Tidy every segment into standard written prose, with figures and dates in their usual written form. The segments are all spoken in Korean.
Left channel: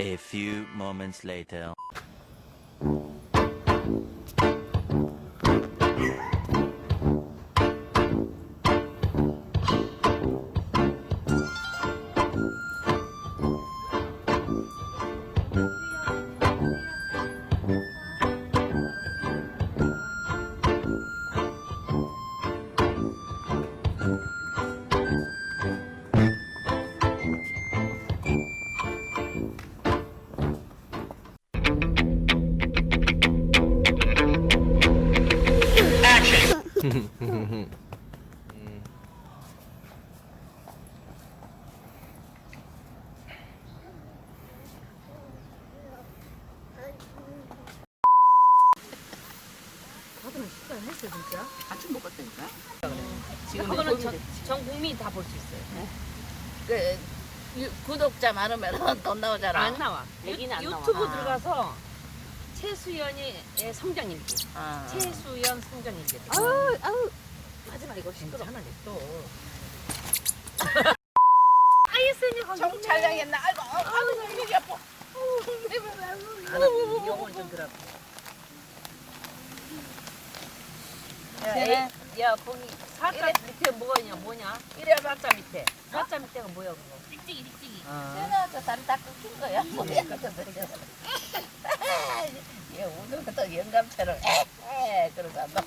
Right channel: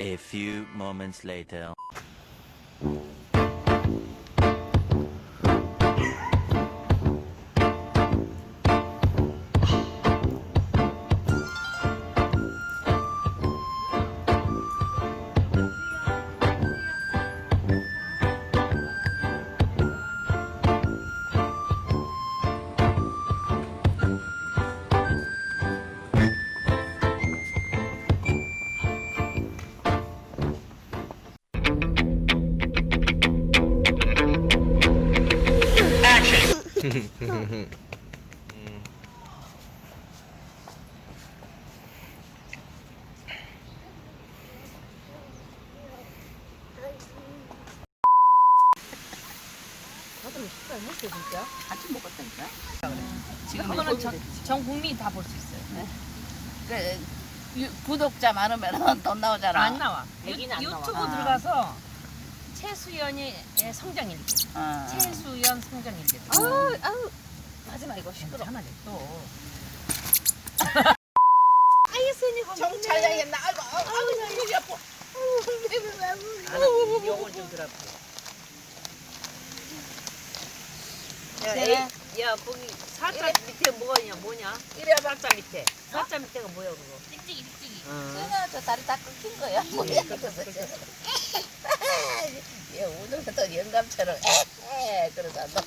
A few moments later. 진짜? 같이 먹었다니까? 지금 그거는 전 국민이 다 볼 수 있어요. 네. 구독자 많으면 돈 나오잖아. 안 나와. 얘기는 안 나와. 유튜브 들어가서 채수현의 성장일기. 아. 채수현 성장일기. 아우. 하지마 이거 시끄러. 하나 또. 정잘 나겠나? 아이고 이리 아파. 요걸 좀 들어. 야, 거기 살짝 밑에 뭐냐? 이래 살짝 밑에. 살짝 밑에가 뭐야 그거? 띡띡이. 끊어 저 다리 다 끊긴 거야. 뭐야? 얘 오늘부터 영감처럼 그러다 너.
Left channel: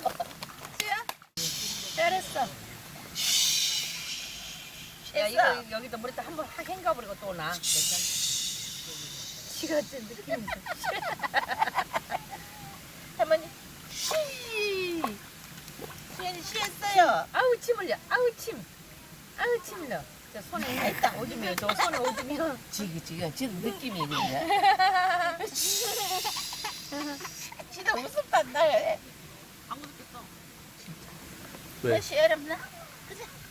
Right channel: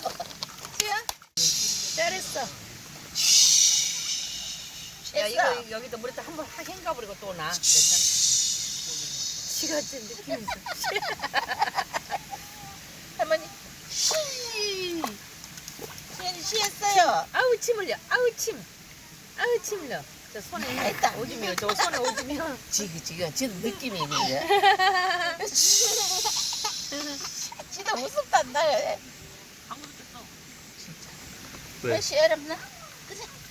잘했어. 야 이거 여기다 물에 한번 확 헹가버리고 또 나. 시 같은 느낌이 있어. 할머니 수현이 쉬했어요. 아우 침 흘려. 아우 침 흘려. 저 손에 했다. 오줌이요. 저 손에 오줌이요. 지금 느낌이 있는데. 진짜 무섭단다. 방금 줬어. 왜? 시어렵나?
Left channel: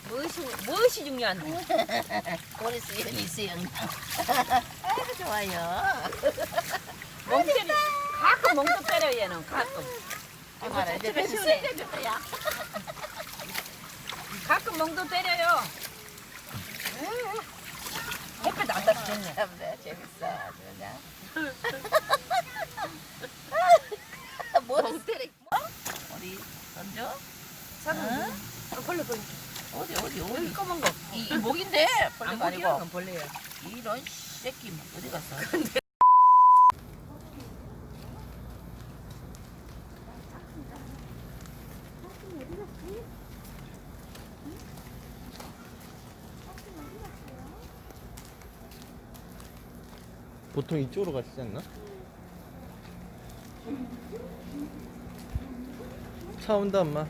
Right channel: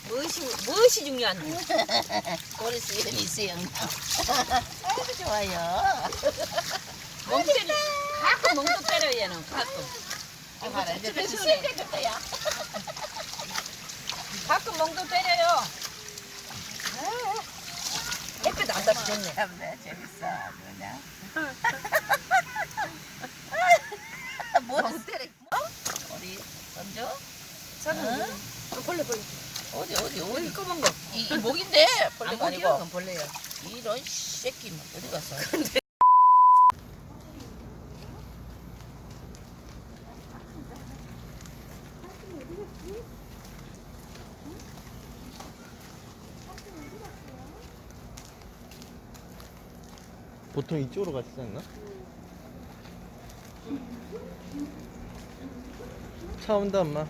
무엇이 중요한데? 우리 수현이 수영. 아이고 좋아요. 멍 때려. 가끔 멍도 때려 얘는 가끔. 아 봐라 이제 수영해줄 야 가끔 멍도 때려요. 햇빛 안 잡혔네. 재밌어 아주 그냥. 뭐 때려? 어디 던져? 벌레. 어디 여기 검은 거. 이 목인데 벌레가 아니고 건 벌레야. 이런 새끼 뭐 어디 갔어? 보통 이쪽으로 가시지 않나? 차 온다 엄마.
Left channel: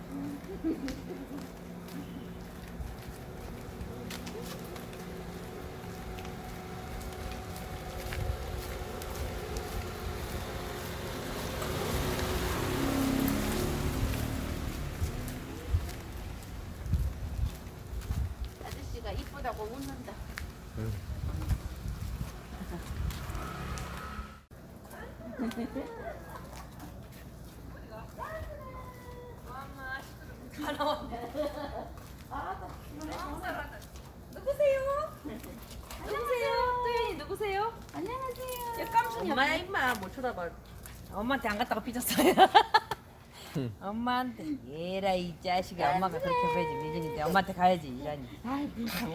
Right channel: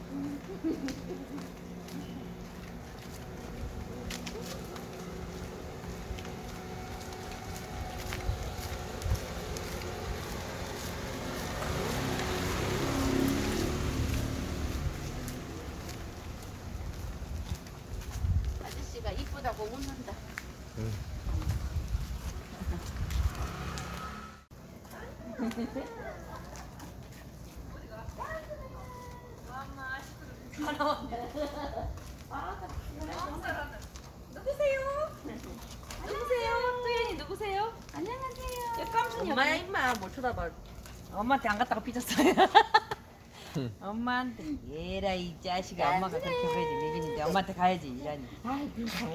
아저씨가 이쁘다고 웃는다. 응. 누구세요? 누구세요? 안녕하세요. 야 깜짝이야. 엄마야 임마 못 쳐다봐. 엄마한테 안 갔다가 삐졌어요. 엄마한테 얘라 이 자식아 엄마가 그렇게 보이지 먹이는데 엄마한테 가야지 이라니.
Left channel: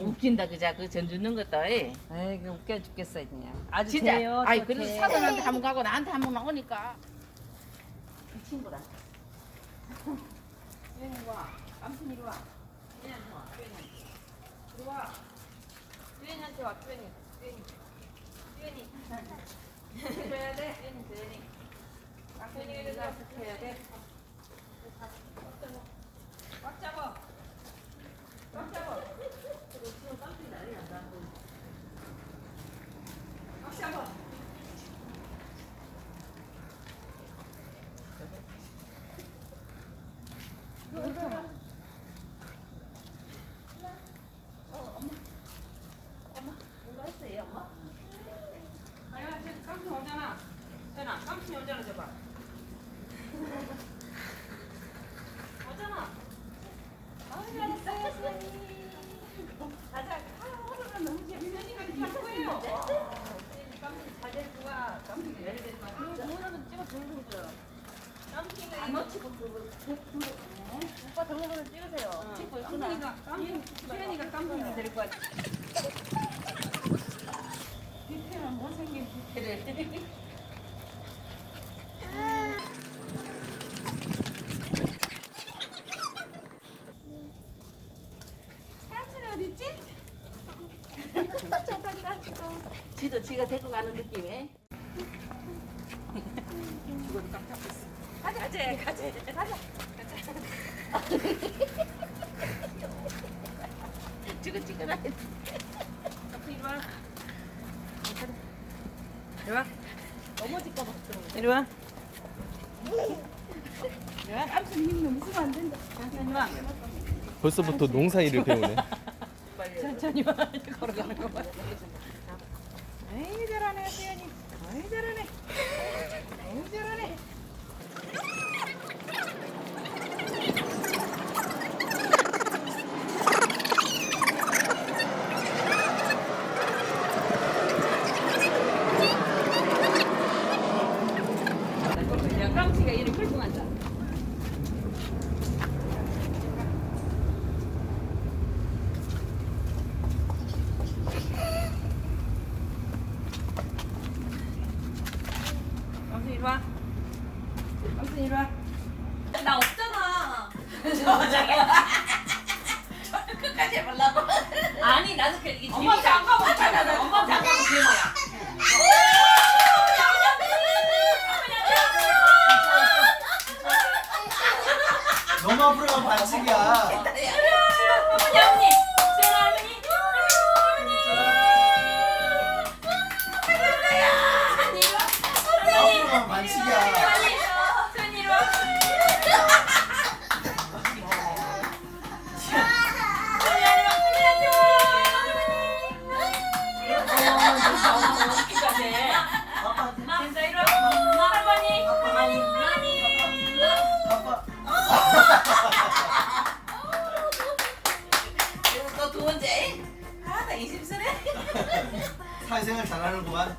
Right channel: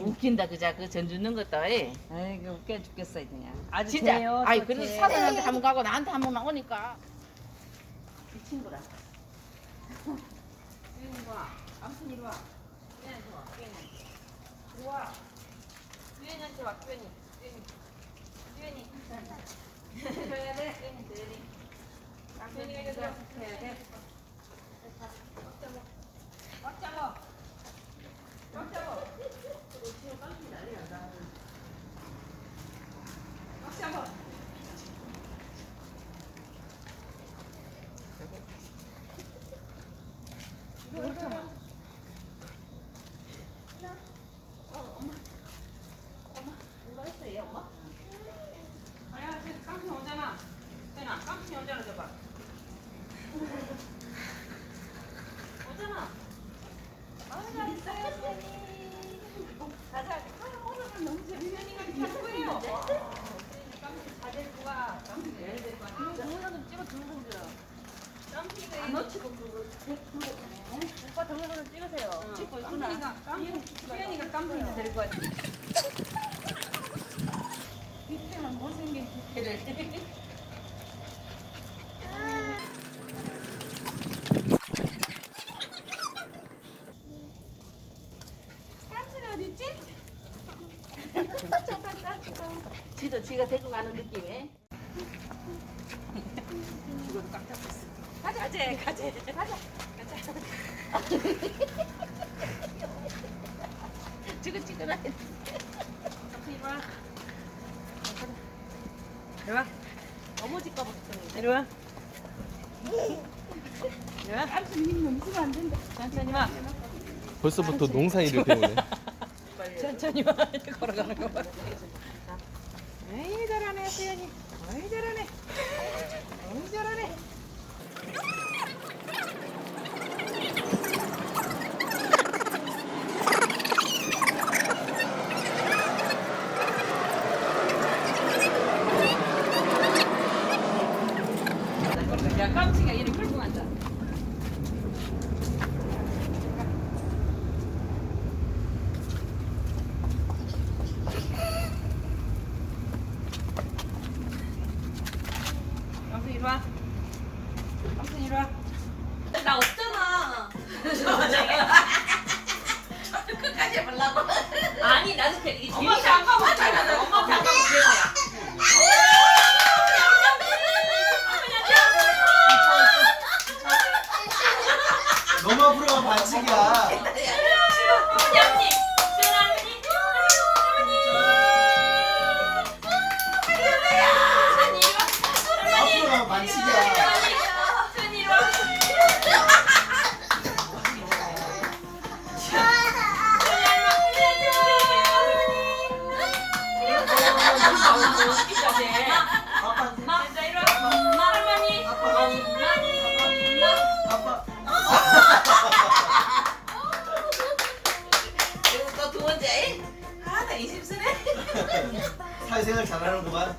웃긴다 그자 그 전 주는 것도. 에이 웃겨 죽겠어 그냥. 아주 진짜. 돼요. 아이 근데 사장한테 한번 가고 나한테 한번 나오니까 이 친구라. 주연이 와. 남순 이리 와. 주연이한테 와. 주연이. 이리 와. 주연이한테 와. 주연이. 주연이. 줘야 돼. 주연이. 주연이가 이리 와. 해야 돼. 꽉 잡아. 꽉 잡아. 지금 깜짝이 난리 난다. 꽉 잡아. 이거 현아, 깜순이 오잖아, 저봐. 오잖아. 아, 잘했어요, 수현이. 가자. 아, 오늘은 너무 재밌어. 수현이가 잘 거예요. 수현이 깜순이 잘 데리고 가. 깜순이 잘 데리고 가. 동영상 좀 찍어 동영상. 깜순이가 안 놓치고 오빠 동영상 찍으세요. 찍고 있구나. 수현이가 깜순이를 데리고 왔지. 뷔페는 못생긴 뷔페를. 지도 지가 데리고 가는 느낌에. 이거도 꽉 잡고 있어. 가자. 찍어라. 깜순이 봐. 이리 와. 넘어질까 봐. 이리 와. 벌써부터 농사 일을 배우네. 천천히 와. 걸어가는 거 봐. 에이, 잘하네, 수현이. 에이, 잘하네. 어이, 잘하네. 야, 깜찍이가 이리 끌고 간다. 깜찍이 이리 와. 깜찍이 이리 와. 나 없잖아. 끝까지 해보려고. 아니 나도 이게 엄마 장가고 있잖아. 엄마 장가고 그런 거야. 너무 앞으로 가면 반칙이야. 어머니 할머니. 수연 할머니. 앞으로 가면 반칙이야. 수연 이리 와. 아빠, 인사 이리 와. 할머니. 아빠. 이거 또 두 번째. 아, 나 20세네. 사회생활 잘하는구만.